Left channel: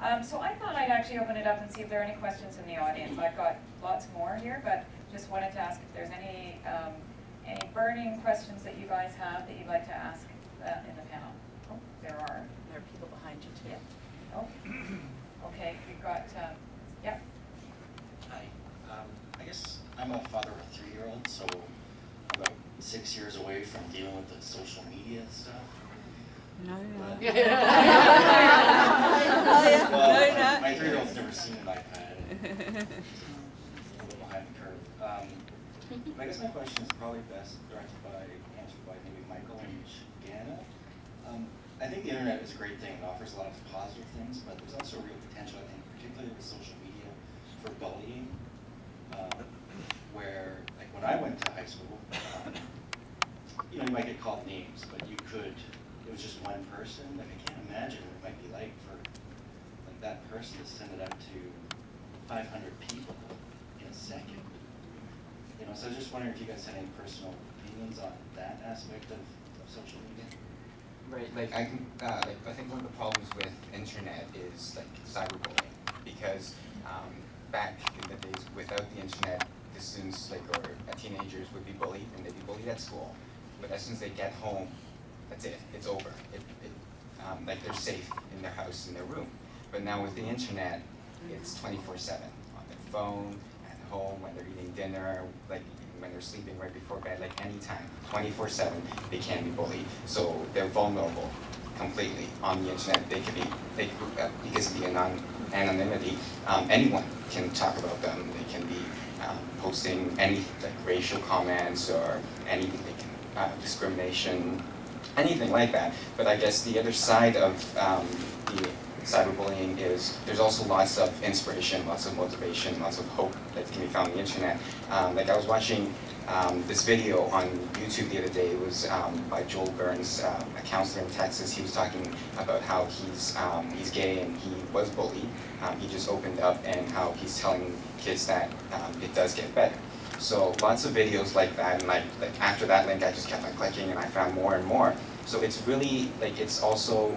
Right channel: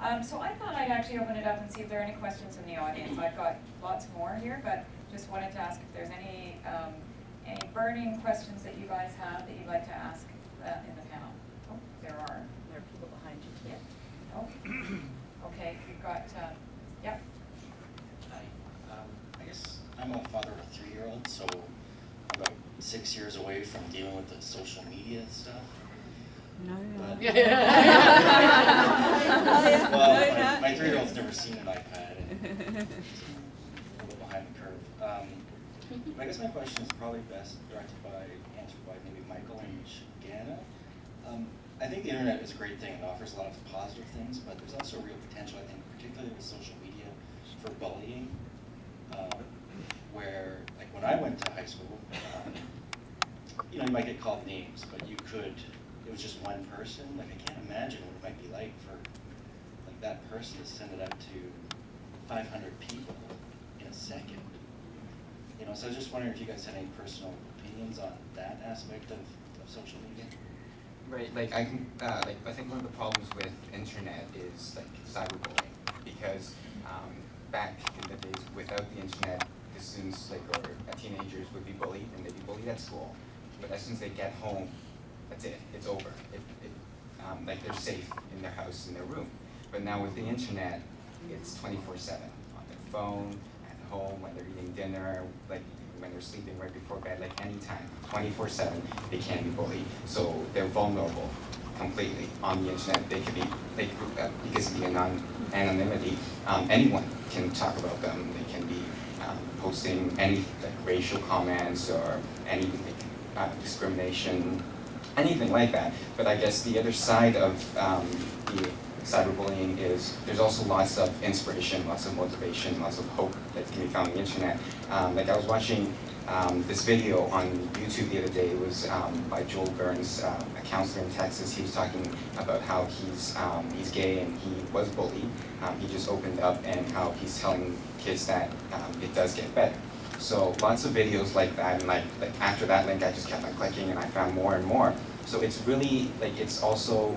So I thought I'd actually open it up and see if there are any questions in the audience. I've got lots more here, but just wanted to ask if there's any burning questions that you guys have that you'd like to ask in the panel. Oh, there are. There are people behind you too. Yeah. Oh, okay. You've got, yeah. Hi. I guess I'm a father of a 3-year-old, so I'm about 6 years away from dealing with the social media stuff. No, But, no. well, my 3-year-old's never seen an iPad. A little behind the curve. I guess my question is probably best answered by maybe Michael and Jana. I think the internet is a great thing. It offers a lot of positive things, but there's also real potential, I think, particularly with social media, for bullying. Where, like when I went to high school, you might get called names, but it was just one person. Like I can't imagine what it might be like for that person to send it out to 500 people in a second. So I was just wondering if you guys had any personal opinions on that aspect of social media. Right, I think one of the problems with internet is cyberbullying, because back in the days without the internet, the students or teenagers would be bullied, and they'd be bullied at school. But as soon as they get home, that's it. It's over. They're safe in their house, in their room. But now with the internet, it's 24/7 on their phone, at home, when they're eating dinner, when they're sleeping right before bed, anytime, 24/7, they can be bullied. So they're vulnerable completely on the internet. They could be, because of the anonymity, anyone can talk about them. They can be posting any racial comments or any discrimination, anything like that. But I guess the other side of the cyberbullying is there's also lots of inspiration, lots of motivation, lots of hope that can be found on the internet. I was watching this video on YouTube the other day. It was by Joel Burns, a counselor in Texas. He was talking about how he's gay and he was bullied. He just opened up, and how he's telling kids that it does get better. So lots of videos like that, and after that link, I just kept clicking, and I found more and more. So it's really it's also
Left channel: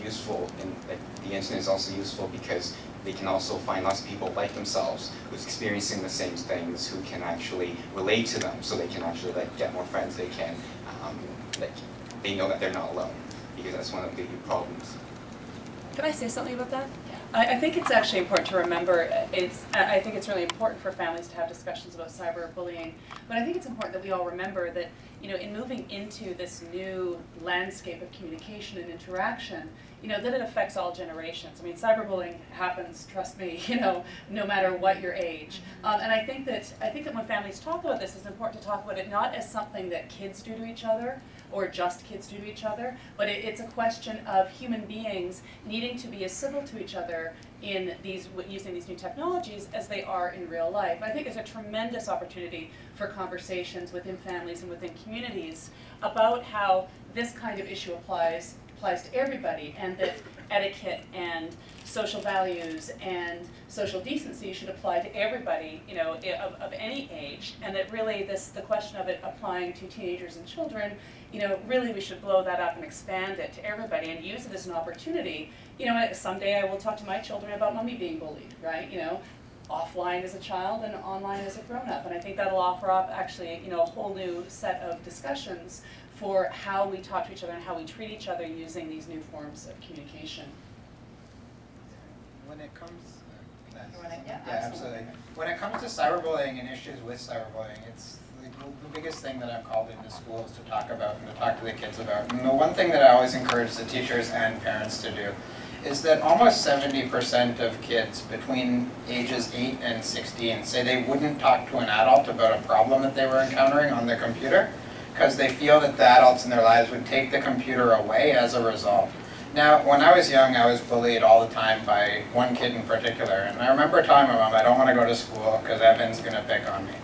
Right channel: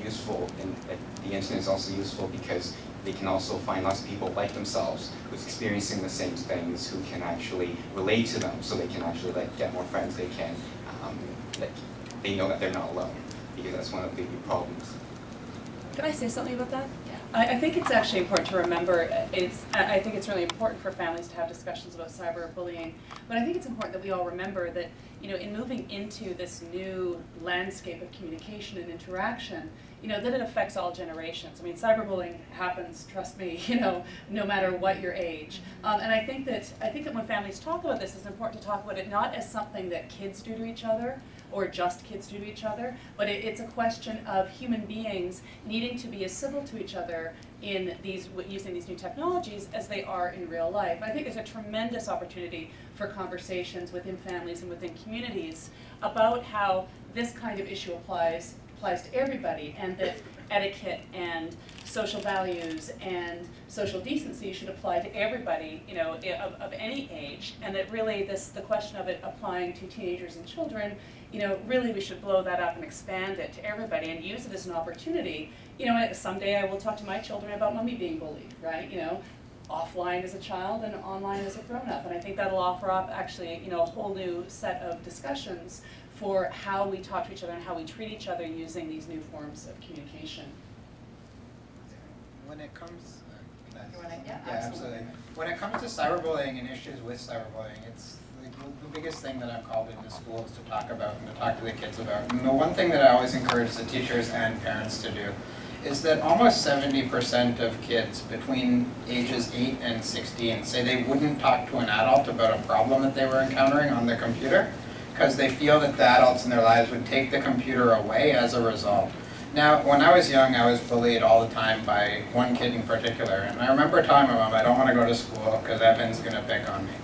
useful, and the internet is also useful because they can also find lots of people like themselves who's experiencing the same things, who can actually relate to them, so they can actually get more friends. They can they know that they're not alone, because that's one of the big problems. Can I say something about that? I think it's actually important to remember, I think it's really important for families to have discussions about cyberbullying, but I think it's important that we all remember that, in moving into this new landscape of communication and interaction, that it affects all generations. I mean, cyberbullying happens, trust me, no matter what your age. And I think that when families talk about this, it's important to talk about it not as something that kids do to each other, or just kids do to each other, but it's a question of human beings needing to be as civil to each other in using these new technologies as they are in real life. I think there's a tremendous opportunity for conversations within families and within communities about how this kind of issue applies to everybody, and that etiquette and social values and social decency should apply to everybody, of any age, and that really the question of it applying to teenagers and children, really we should blow that up and expand it to everybody and use it as an opportunity. Someday I will talk to my children about mommy being bullied, right? Offline as a child and online as a grown-up, and I think that'll offer up actually, a whole new set of discussions for how we talk to each other and how we treat each other using these new forms of communication. When it comes, Yeah, absolutely. When it comes to cyberbullying and issues with cyberbullying, it's the biggest thing that I'm called into schools to talk about and to talk to the kids about. And the one thing that I always encourage the teachers and parents to do is that almost 70% of kids between ages 8 and 16 say they wouldn't talk to an adult about a problem that they were encountering on the computer, because they feel that the adults in their lives would take the computer away as a result. Now, when I was young, I was bullied all the time by one kid in particular, and I remember telling my mom, I don't want to go to school because Evan's going to pick on me.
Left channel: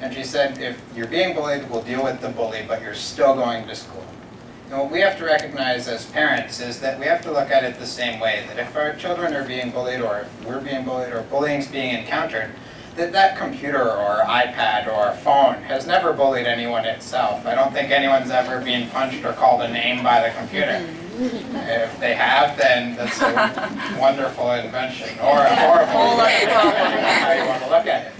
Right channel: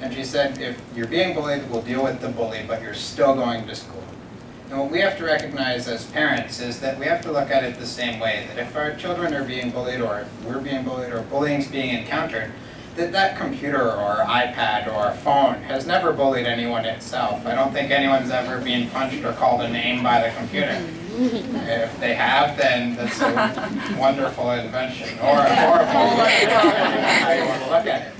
And she said, if you're being bullied, we'll deal with the bully, but you're still going to school. And what we have to recognize as parents is that we have to look at it the same way, that if our children are being bullied, or if we're being bullied, or bullying's being encountered, that computer or iPad or phone has never bullied anyone itself. I don't think anyone's ever been punched or called a name by the computer. If they have, then that's a wonderful invention, or a horrible invention, depending on how you want to look at it.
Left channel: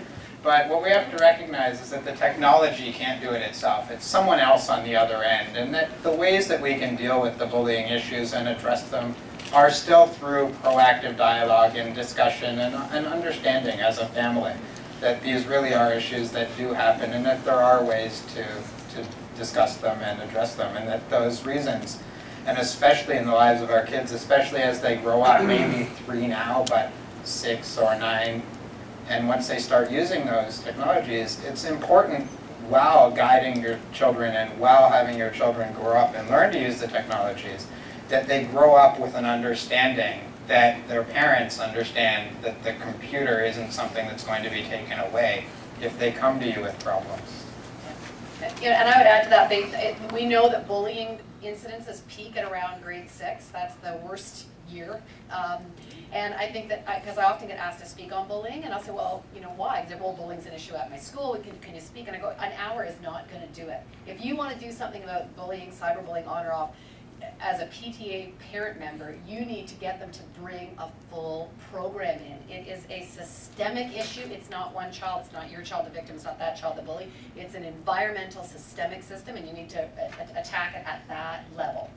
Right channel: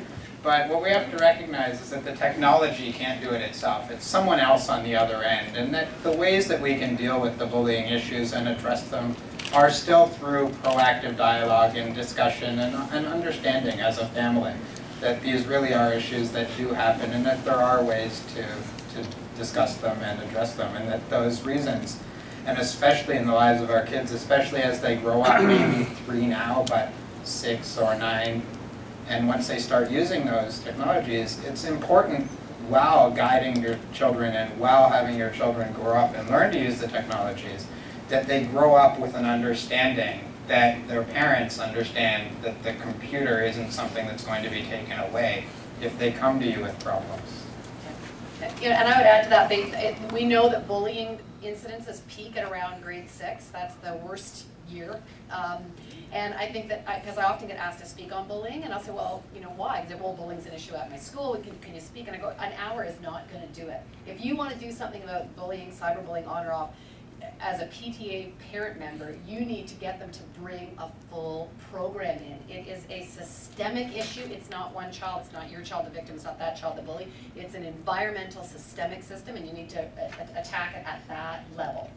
But what we have to recognize is that the technology can't do it itself. It's someone else on the other end, and that the ways that we can deal with the bullying issues and address them are still through proactive dialogue and discussion and understanding as a family that these really are issues that do happen, and that there are ways to discuss them and address them, and that those reasons, and especially in the lives of our kids, especially as they grow up, maybe 3 now, but 6 or 9, and once they start using those technologies, it's important while guiding your children and while having your children grow up and learn to use the technologies, that they grow up with an understanding that their parents understand that the computer isn't something that's going to be taken away if they come to you with problems. Yeah, and I would add to that, we know that bullying incidences peak at around grade 6. That's the worst year. And I think that, because I often get asked to speak on bullying, and I'll say, well, you know, why? Because bullying is an issue at my school. Can you speak? And I go, an hour is not going to do it. If you want to do something about bullying, cyberbullying, on or off, as a PTA parent member, you need to get them to bring a full program in. It is a systemic issue. It's not one child. It's not your child, the victim. It's not that child, the bully. It's an environmental, systemic system, and you need to attack it at that level.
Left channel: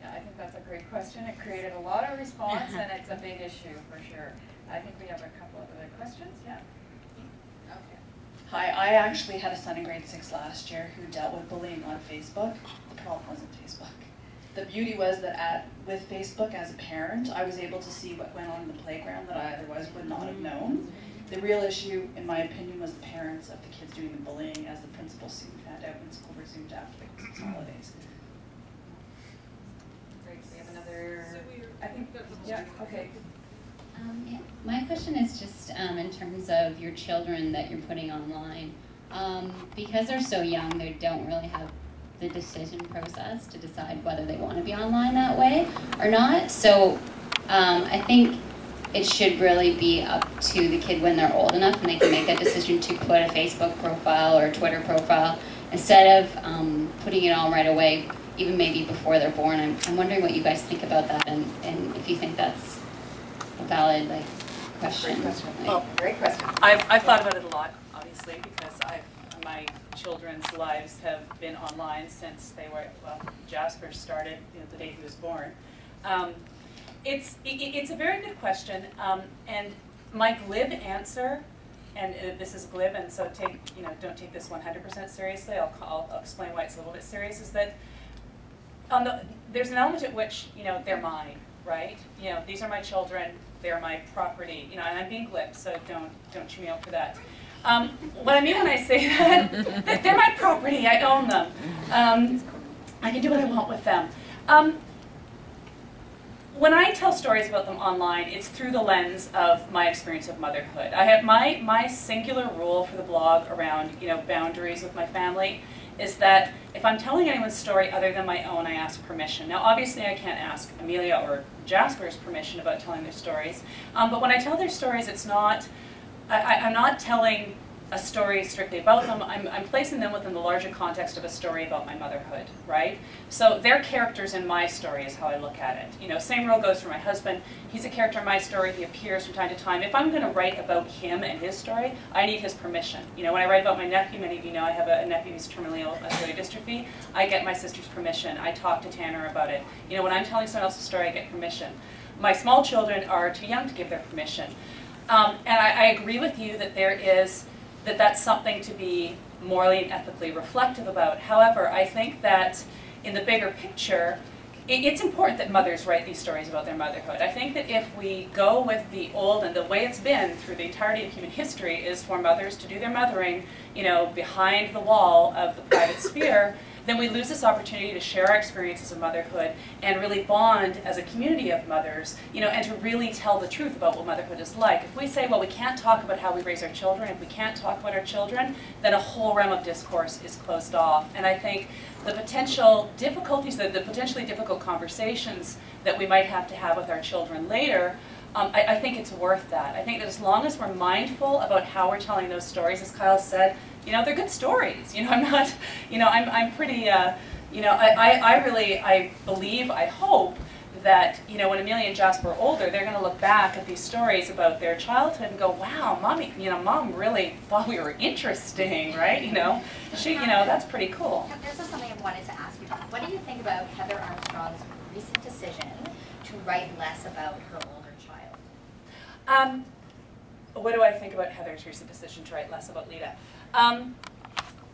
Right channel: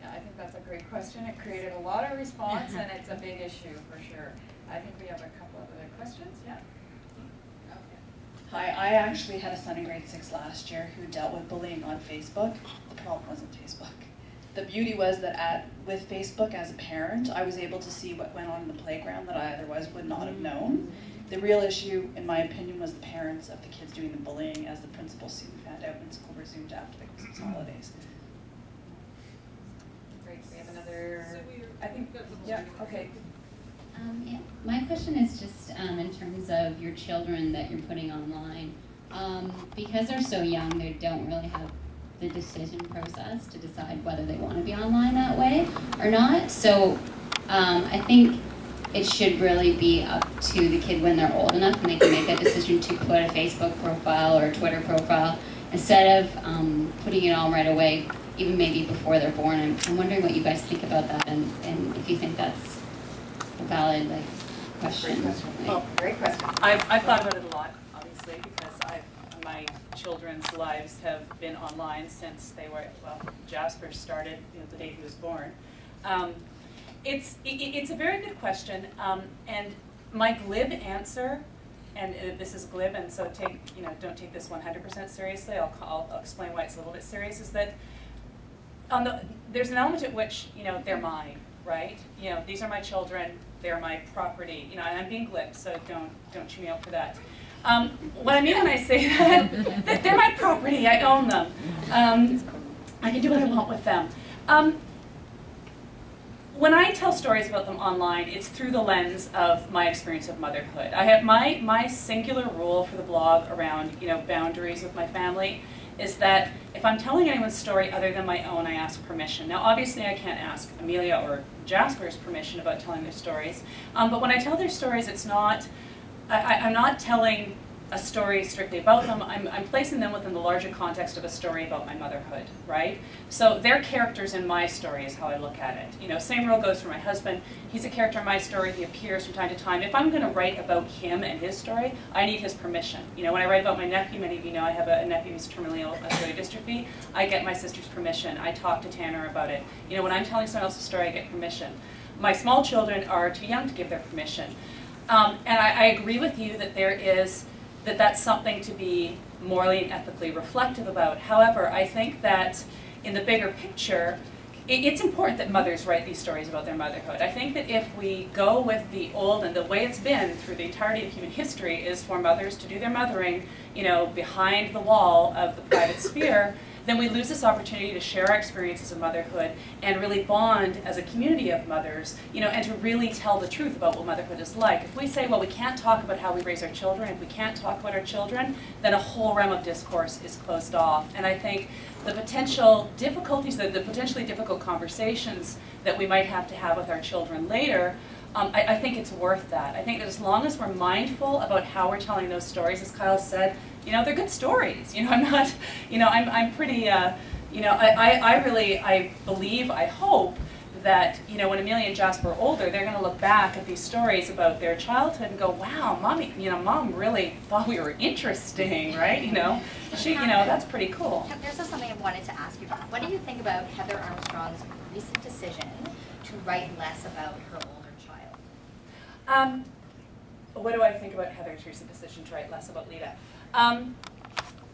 Yeah, I think that's a great question. It created a lot of response, and it's a big issue for sure. I think we have a couple of other questions. Yeah. Okay. Hi, I actually had a son in grade 6 last year who dealt with bullying on Facebook. The problem wasn't Facebook. The beauty was that with Facebook as a parent, I was able to see what went on in the playground that I otherwise would not have known. The real issue, in my opinion, was the parents of the kids doing the bullying, as the principal soon found out when school resumed after the Christmas holidays. Great. We have another. I think. Yeah. Okay. Yeah. My question is just in terms of your children that you're putting online. Because they're so young, they don't really have the decision process to decide whether they want to be online that way or not. So I think it should really be up to the kid when they're old enough and they can make that decision to put a Facebook profile or a Twitter profile instead of putting it on right away, even maybe before they're born. I'm wondering what you guys think about that, and if you think that's a valid question. Great question. Oh, great question. I've thought about it a lot, obviously, because my children's lives have been online since they were, well, Jasper started, the day he was born. It's a very good question, and my glib answer, and this is glib, and so don't take this 100% seriously. I'll explain why it's a little bit serious. Is that there's an element at which they're mine, right? These are my children, they're my property. And I'm being glib, so don't chew me out for that. What I mean when I say that, they're my property. I own them. I can do what I want with them. When I tell stories about them online, it's through the lens of my experience of motherhood. I have my singular rule for the blog around boundaries with my family is that if I'm telling anyone's story other than my own, I ask permission. Now, obviously, I can't ask Amelia or Jasper's permission about telling their stories, but when I tell their stories, it's not. I'm not telling a story strictly about them. I'm placing them within the larger context of a story about my motherhood, right? So they're characters in my story is how I look at it. Same rule goes for my husband. He's a character in my story. He appears from time to time. If I'm going to write about him and his story, I need his permission. When I write about my nephew, many of you know I have a nephew who's terminally ill with muscular dystrophy. I get my sister's permission. I talk to Tanner about it. When I'm telling someone else's story, I get permission. My small children are too young to give their permission. And I agree with you that that's something to be morally and ethically reflective about. However, I think that in the bigger picture, it's important that mothers write these stories about their motherhood. I think that if we go with the old and the way it's been through the entirety of human history is for mothers to do their mothering, behind the wall of the private sphere, then we lose this opportunity to share our experiences of motherhood and really bond as a community of mothers, and to really tell the truth about what motherhood is like. If we say, well, we can't talk about how we raise our children, if we can't talk about our children, then a whole realm of discourse is closed off. And I think the potential difficulties, the potentially difficult conversations that we might have to have with our children later, I think it's worth that. I think that as long as we're mindful about how we're telling those stories, as Kyle said, they're good stories. I'm not, I'm pretty You know, I believe, I hope that, you know, when Amelia and Jasper are older, they're going to look back at these stories about their childhood and go, wow, mommy, you know, mom really thought we were interesting, right? You know, that's pretty cool. There's just something I wanted to ask you about. What do you think about Heather Armstrong's recent decision to write less about her older child? What do I think about Heather's recent decision to write less about Lita?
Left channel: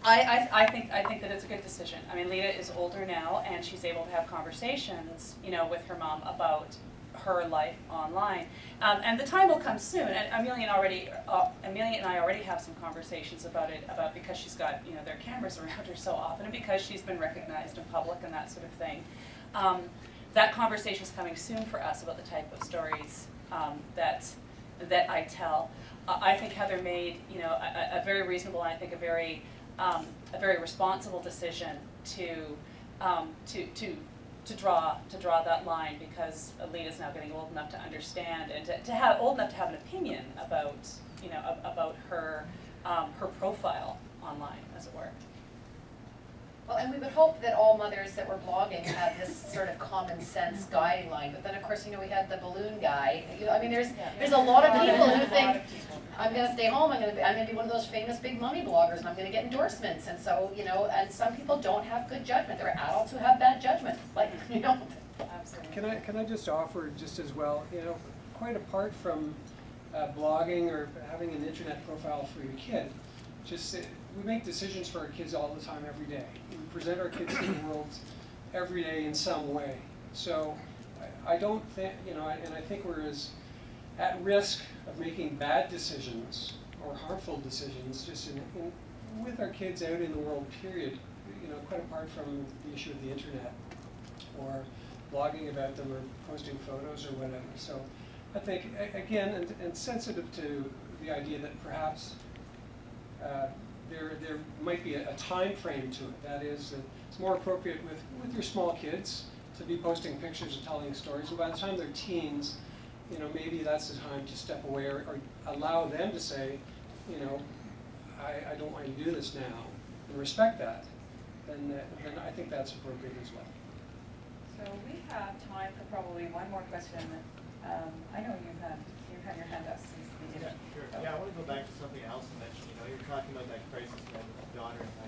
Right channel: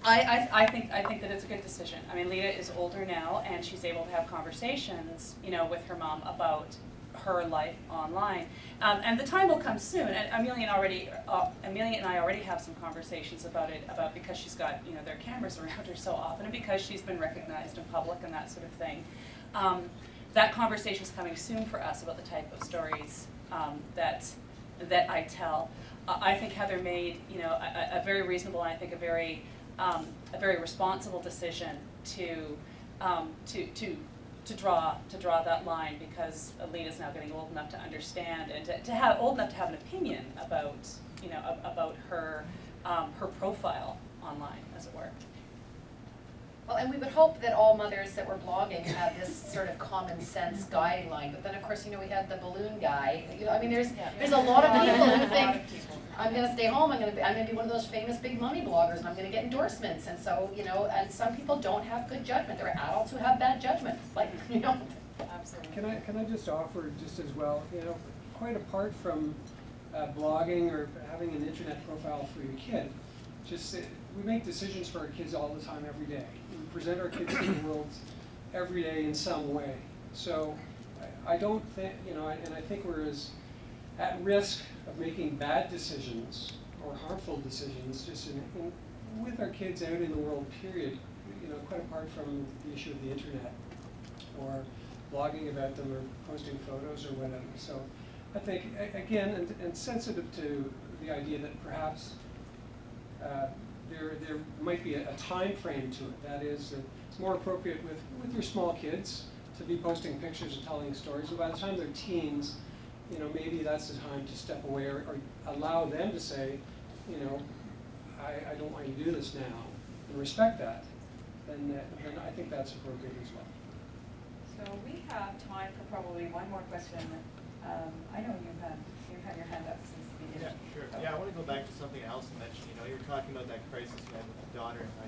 I think that it's a good decision. I mean, Lita is older now, and she's able to have conversations, you know, with her mom about her life online. And the time will come soon. And Amelia and I already have some conversations about it, because she's got, you know, their cameras around her so often, and because she's been recognized in public and that sort of thing. That conversation is coming soon for us about the type of stories that I tell. I think Heather made, you know, a very reasonable, and I think a very responsible decision to draw that line, because Alita's now getting old enough to understand and old enough to have an opinion about, you know, about her profile online, as it were. Well, and we would hope that all mothers that were blogging had this sort of common sense guideline. But then, of course, you know, we had the balloon guy. You know, I mean, there's a lot of people who think, I'm going to stay home. I'm going to be one of those famous big money bloggers, and I'm going to get endorsements. And so, you know, and some people don't have good judgment. There are adults who have bad judgment. Like, you know. Absolutely. Can I just offer just as well? You know, quite apart from blogging or having an internet profile for your kid, just we make decisions for our kids all the time, every day. We present our kids to the world every day in some way. So I don't think, you know, and I think we're as at risk of making bad decisions or harmful decisions just with our kids out in the world, period, you know, quite apart from the issue of the internet or blogging about them or posting photos or whatever. So I think, again, and sensitive to the idea that perhaps there might be a time frame to it. That is, that it's more appropriate with your small kids to be posting pictures and telling stories. And by the time they're teens, you know, maybe that's the time to step away or allow them to say, you know, I don't want you to do this now, and respect that. Then I think that's appropriate as well. So we have time for probably one more question. I know you've had your hand up since the beginning. Yeah, sure. Yeah, I want to go back to something else you mentioned. You know, you're talking about that crisis you had with your daughter and how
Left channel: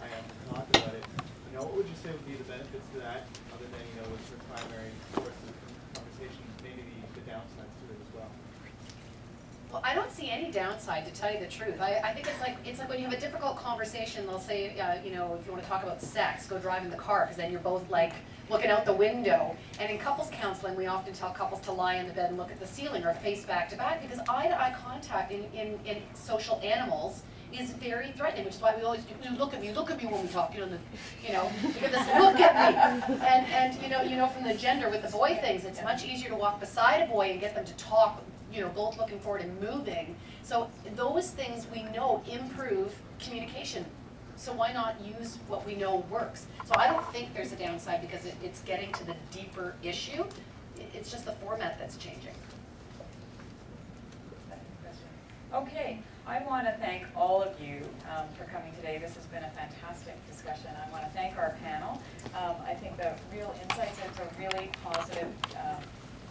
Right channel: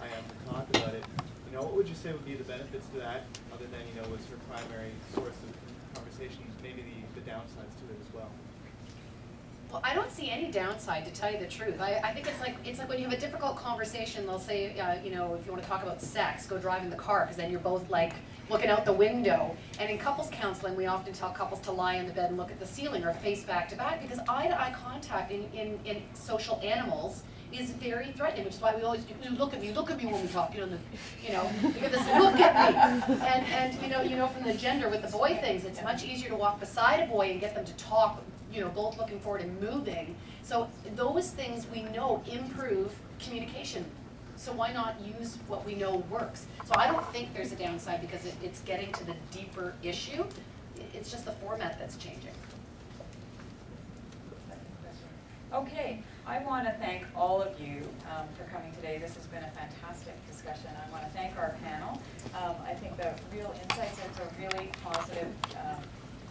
I have to talk about it. You know, what would you say would be the benefits to that, other than, you know, what's your primary source of conversation, maybe the downsides to it as well? Well, I don't see any downside, to tell you the truth. I think it's like when you have a difficult conversation, they'll say, you know, if you want to talk about sex, go drive in the car, because then you're both like looking out the window. And in couples counseling, we often tell couples to lie in the bed and look at the ceiling or face back to back, because eye-to-eye contact in social animals is very threatening, which is why we always do, look at me when we talk, you know, you get this look at me. And you know, from the gender with the boy things, it's much easier to walk beside a boy and get them to talk, you know, both looking forward and moving. So those things we know improve communication. So why not use what we know works? So I don't think there's a downside, because it's getting to the deeper issue. It's just the format that's changing. Okay, I want to thank all of you for coming today. This has been a fantastic discussion. I want to thank our panel. I think the real insights into a really positive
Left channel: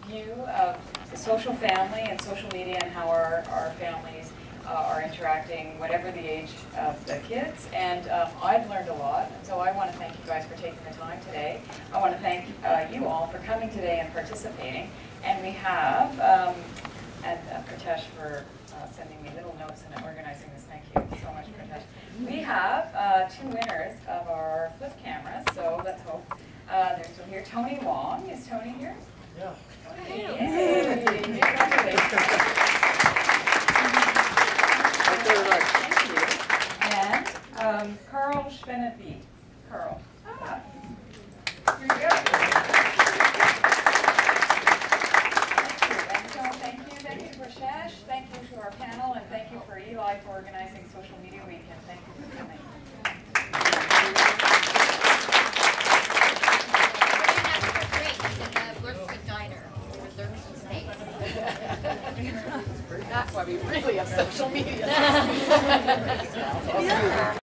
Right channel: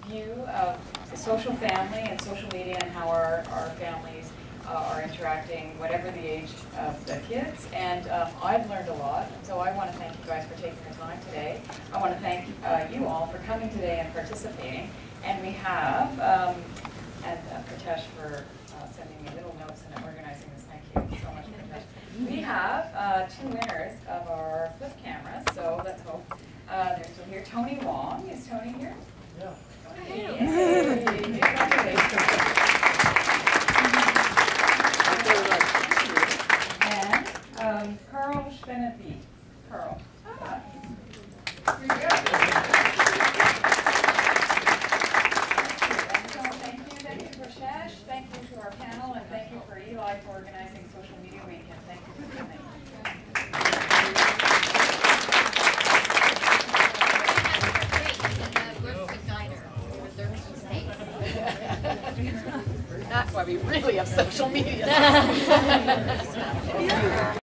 view of the social family and social media and how our families are interacting, whatever the age of the kids. And I've learned a lot, and so I want to thank you guys for taking the time today. I want to thank you all for coming today and participating. And we have, and Pritesh for sending me little notes and organizing this. Thank you so much, Pritesh. We have 2 winners of our flip cameras, so let's hope they're still here. Tony Wong, is Tony here? Yeah. Yay. Congratulations. And Carl Schwennebeek. Carl. Here you go. And so thank you Prashesh, thank you to our panel, and thank you for Eli for organizing Social Media Week, and thank you for coming. That's why we really have social media.